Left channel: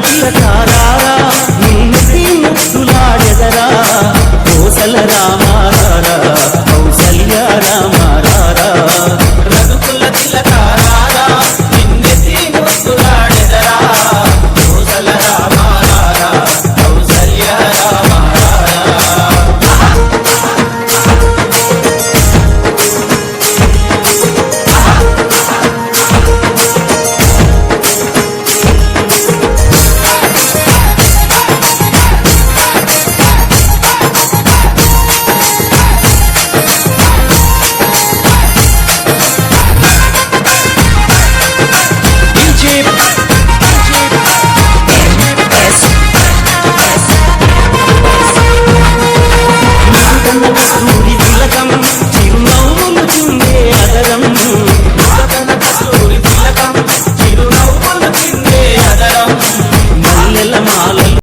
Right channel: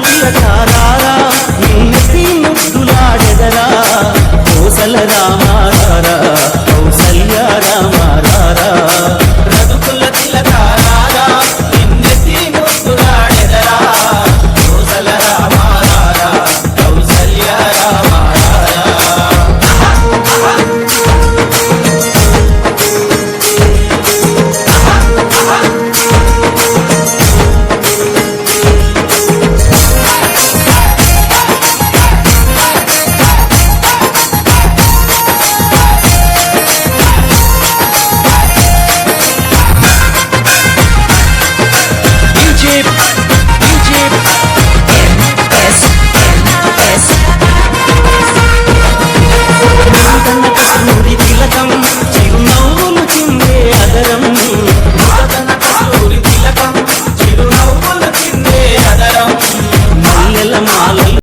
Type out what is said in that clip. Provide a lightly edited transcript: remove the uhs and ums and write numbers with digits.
తిలకారారా నిన్నెత్తి ముద్దులాడెదరా కోసల రామారారా కౌసల్య రామారారా రఘుకుల తిలకారారా నిన్నెత్తి ముద్దులాడెదరా కోసల రామారారా కౌసల్య రామారారా కస్తూరి తిలకం చిరునవ్వులు చిందే అదరం కస్తూరి తిలకం చిరునవ్వులు చిందే అదరం మల్లెల మాలలు